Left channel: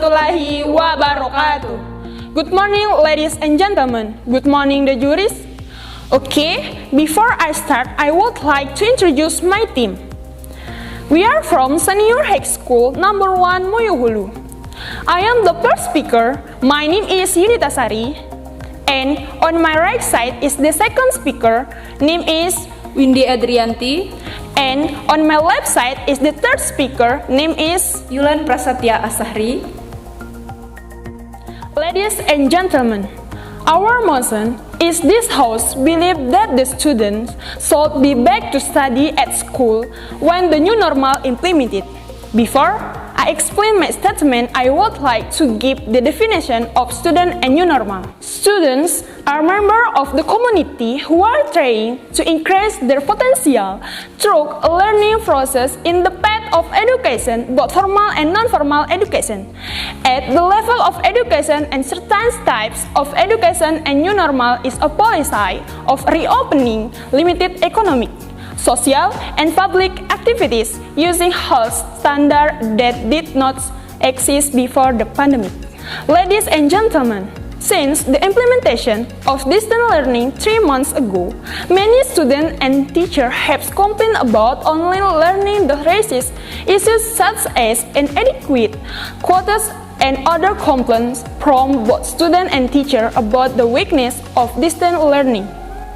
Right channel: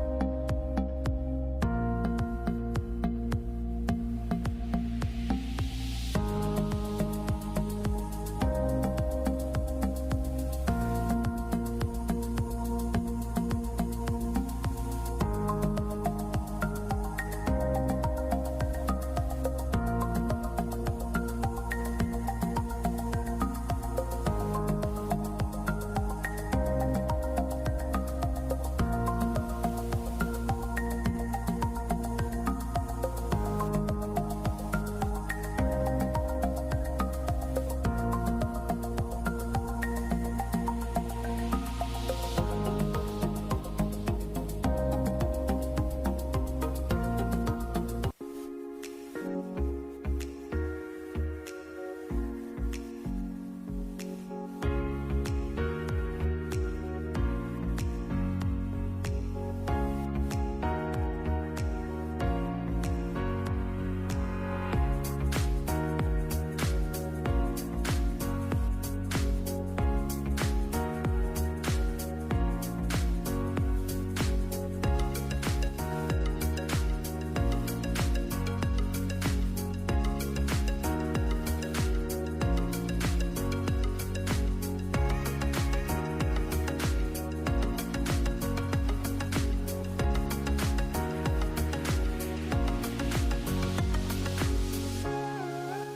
warahmatullahi wabarakatuh. Good morning, ladies and gentlemen. Good morning, the juries. Okay, before I start, I would like to introduce my team. We are from Senior High School number 1 Moyo Hulu. I am the first speaker. My name is Yunita Sari. And on my right side is the second speaker. Name is Windy Adrianti. And on my left side is the third speaker. Name is Yulan Prasatya Asahri. Ladies and gentlemen, our motion is this house believe that the students should be back to study at school when the new normal implemented. Before I explain my statement, I would like to give the definition of student and new normal. Students are members of the community who are trying to increase their potential through a learning process in the path of education, both formal and non-formal education. At the level of education and certain types of education and new normal is a policy of reopening limited economic, social, and public activities using health standards that did not exist before the pandemic. Ladies and gentlemen, since the implementation of distance learning 3 months ago, many students and teachers have complained about online learning that raises issues such as inadequate quotas and other complaints from both students and teachers about the weakness of distance learning.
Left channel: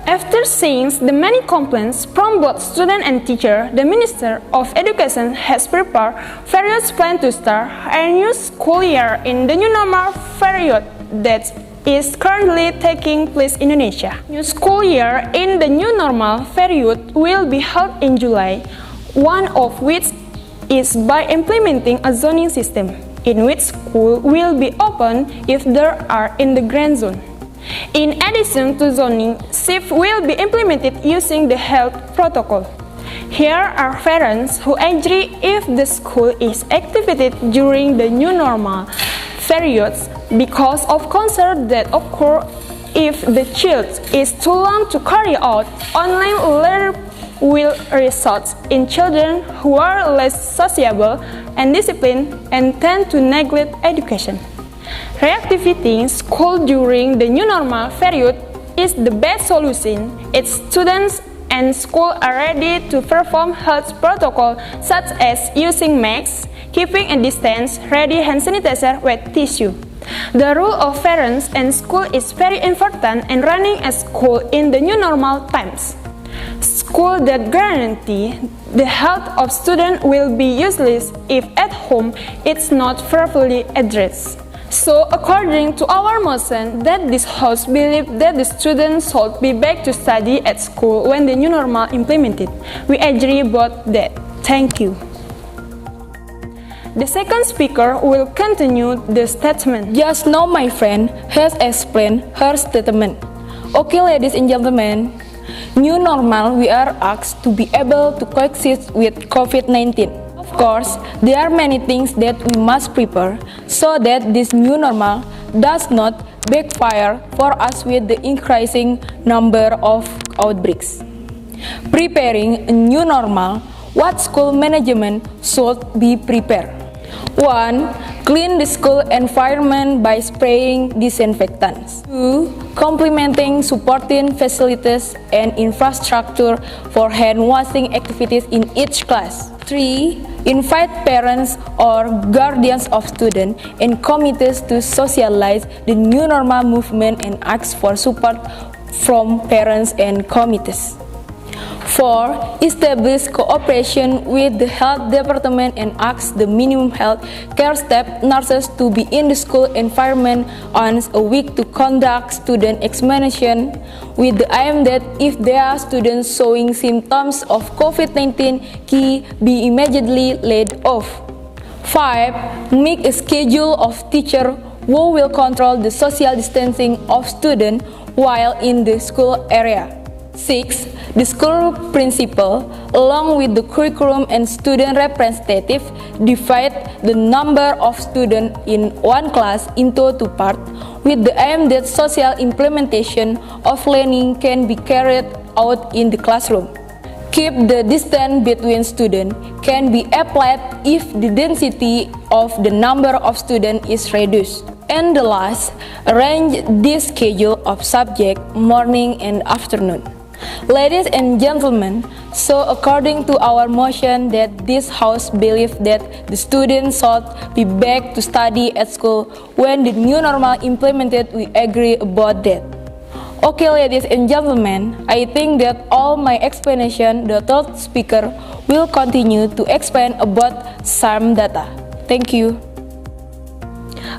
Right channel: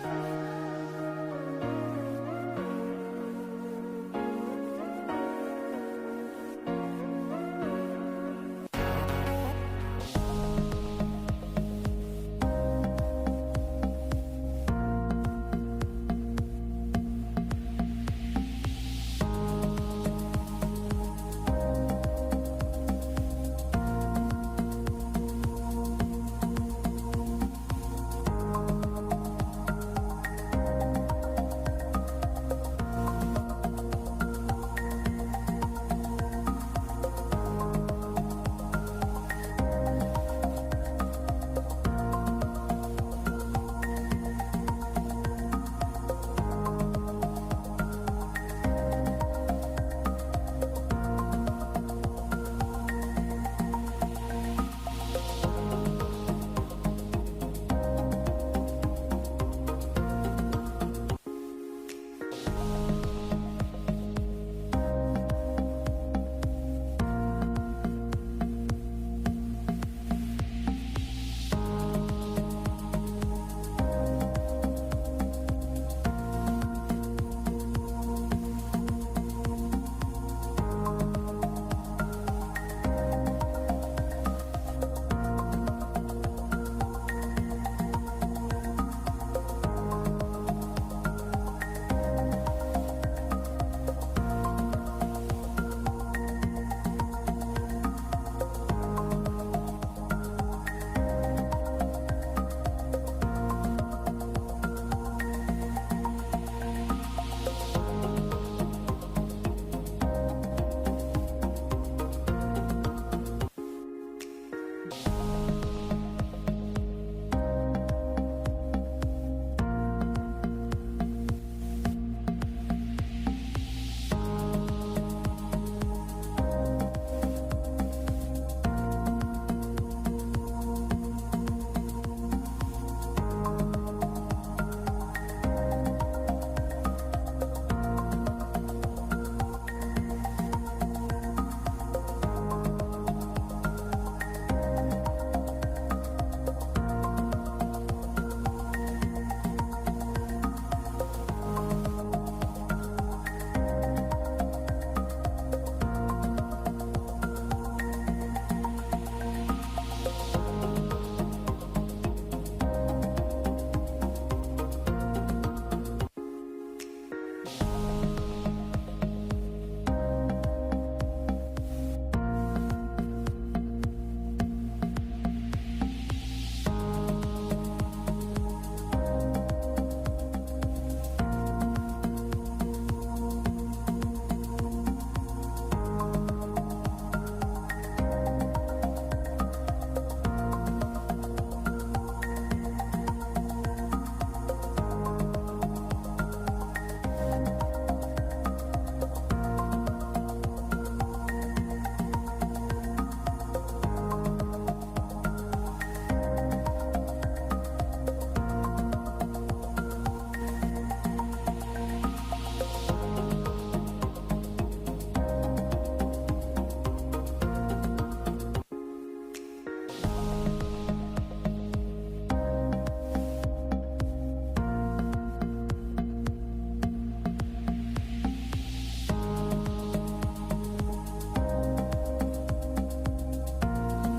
After seeing the many complaints from both students and teachers, the Minister of Education has prepared various plans to start a new school year in the new normal period that is currently taking place in Indonesia. New school year in the new normal period will be held in July, one of which is by implementing a zoning system, in which school will be open if there are in the green zone. In addition to zoning, shift will be implemented using the health protocol. Here are parents who agree if the school is activated during the new normal periods because of concern that occur if the child is too long to carry out online learning will result in children who are less sociable and disciplined and tend to neglect education. Reactivating school during the new normal period is the best solution if students and school are ready to perform health protocols such as using masks, keeping a distance, ready hand sanitizer, wet tissue. The role of parents and school is very important in running a school in the new normal times. School that guarantee the health of students will be useless if at home it's not properly addressed. So, according to our motion, that this house believe that the students should be back to study at school when the new normal implemented. We agree about that. Thank you. The second speaker will continue the statement. Just now my friend has explained her statement. Okay, ladies and gentlemen, new normal we are asked to be able to coexist with COVID-19. Of course, there are many things that we must prepare so that this new normal does not backfire for us with the increasing number of outbreaks. Preparing a new normal, what school management should be prepared? 1. Clean the school environment by spraying disinfectants. 2. Complementing supporting facilities and infrastructure for hand washing activities in each class. 3. Invite parents or guardians of students and committees to socialize the new normal movement and ask for support from parents and committees. 4. Establish cooperation with the health department and ask the minimum health care staff nurses to be in the school environment once a week to conduct student examination with the aim that if there are students showing symptoms of COVID-19 can be immediately laid off. 5. Make a schedule of teachers who will control the social distancing of students while in the school area. 6. The school principal, along with the curriculum and student representative, divide the number of students in one class into 2 parts with the aim that social implementation of learning can be carried out in the classroom. Keep the distance between students can be applied if the density of the number of students is reduced. And the last, arrange the schedule of subject morning and afternoon. Ladies and gentlemen, so according to our motion that this House believes that the students should be back to study at school when the new normal implemented, we agree about that. Okay, ladies and gentlemen, I think that all my explanation, the third speaker will continue to explain about some data. Thank you.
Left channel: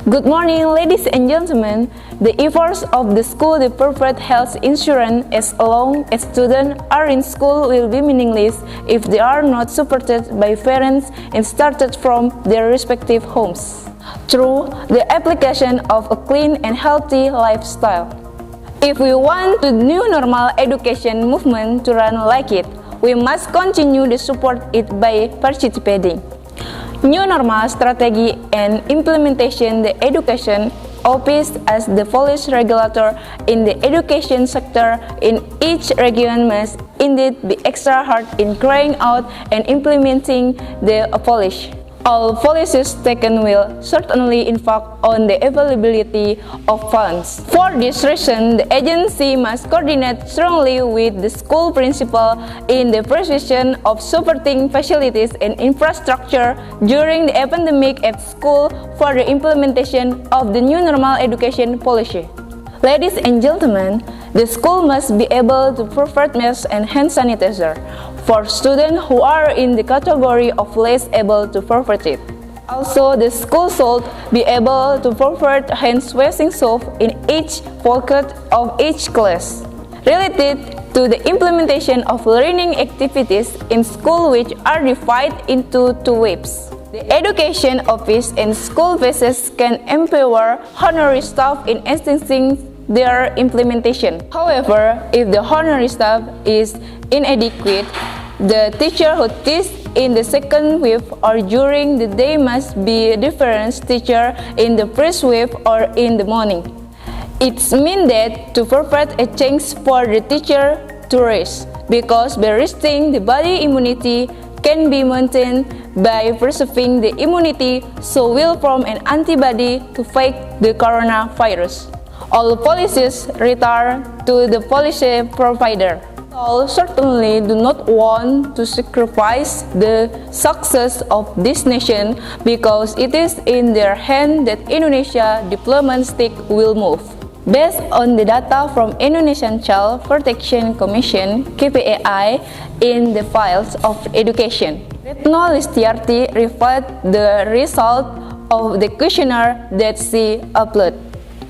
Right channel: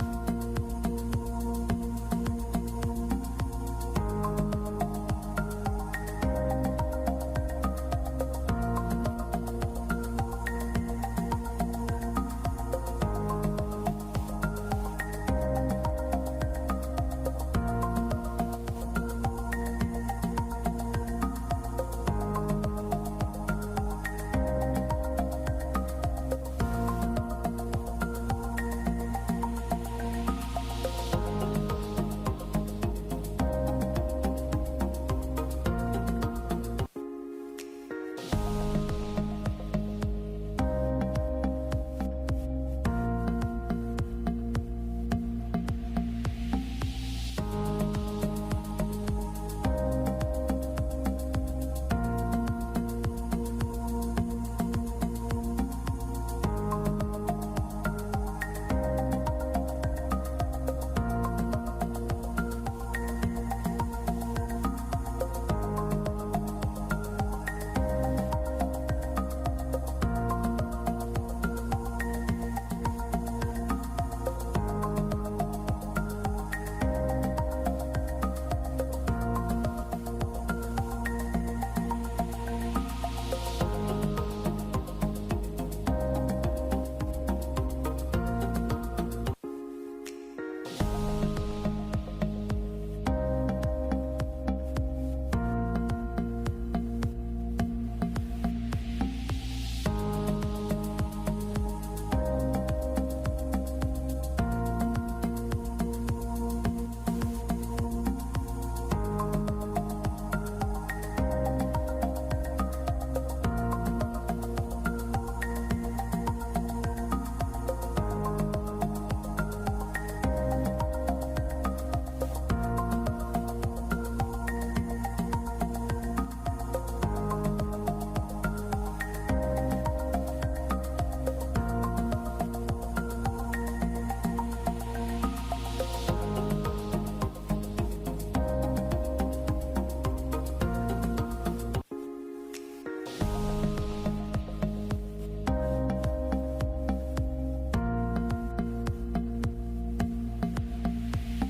Good morning, ladies and gentlemen. The efforts of the school to provide health insurance as long as students are in school will be meaningless if they are not supported by parents and started from their respective homes through the application of a clean and healthy lifestyle. If we want the new normal education movement to run like it, we must continue to support it by participating. New normal strategy and implementation. The education office as the policy regulator in the education sector in each region must indeed be extra hard in carrying out and implementing the policy. All policies taken will certainly impact on the availability of funds. For this reason, the agency must coordinate strongly with the school principal in the provision of supporting facilities and infrastructure during the pandemic at school for the implementation of the new normal education policy. Ladies and gentlemen, the school must be able to provide masks and hand sanitizer for students who are in the category of less able to provide it. Also, the school should be able to provide hand washing soap in each pocket of each class. Related to the implementation of learning activities in school, which are divided into two waves. The education office and school bases can empower honorary staff in assisting their implementation. However, if the honorary staff is inadequate, the teacher who teaches in the second wave or during the day must be a different teacher in the first wave or in the morning. It means that to provide a chance for the teacher to rest, because by resting, the body immunity can be maintained by preserving the immunity, so will form an antibody to fight the coronavirus. All policies return to the policy provider. All certainly do not want to sacrifice the success of this nation because it is in their hand that Indonesia development stick will move. Based on the data from Indonesian Child Protection Commission (KPAI) in the files of education, Retno Listiarti referred the result of the questionnaire that she uploaded.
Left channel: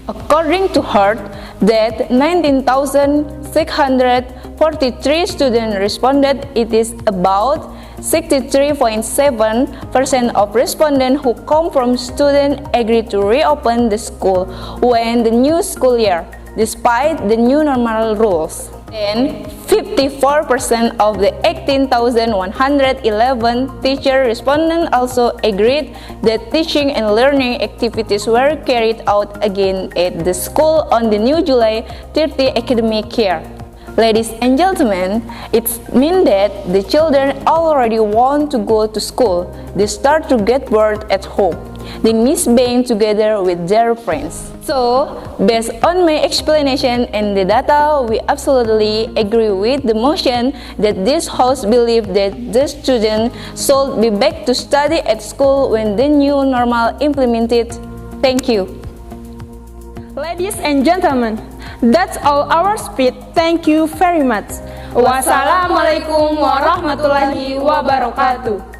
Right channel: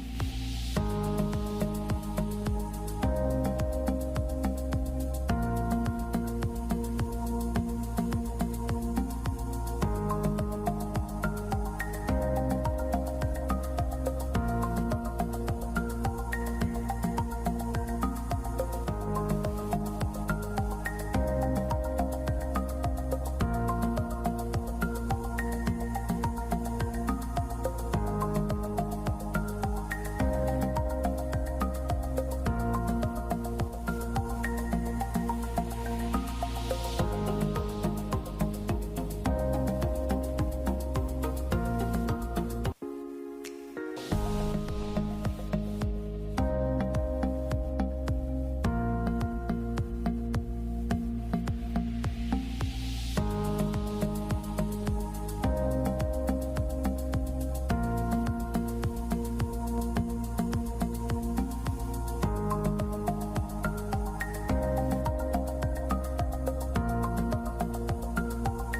According to her, that 19,643 students responded. It is about 63.7% of respondents who come from students agreed to reopen the school when the new school year, despite the new normal rules. Then, 54% of the 18,111 teacher respondents also agreed that teaching and learning activities were carried out again at the school on the new July 30 academic year. Ladies and gentlemen, it means that the children already want to go to school. They start to get bored at home. They miss being together with their friends. So, based on my explanation and the data, we absolutely agree with the motion that this House believes that the students should be back to study at school when the new normal implemented. Thank you. Ladies and gentlemen, that's all our speech. Thank you very much. Wassalamualaikum warahmatullahi wabarakatuh.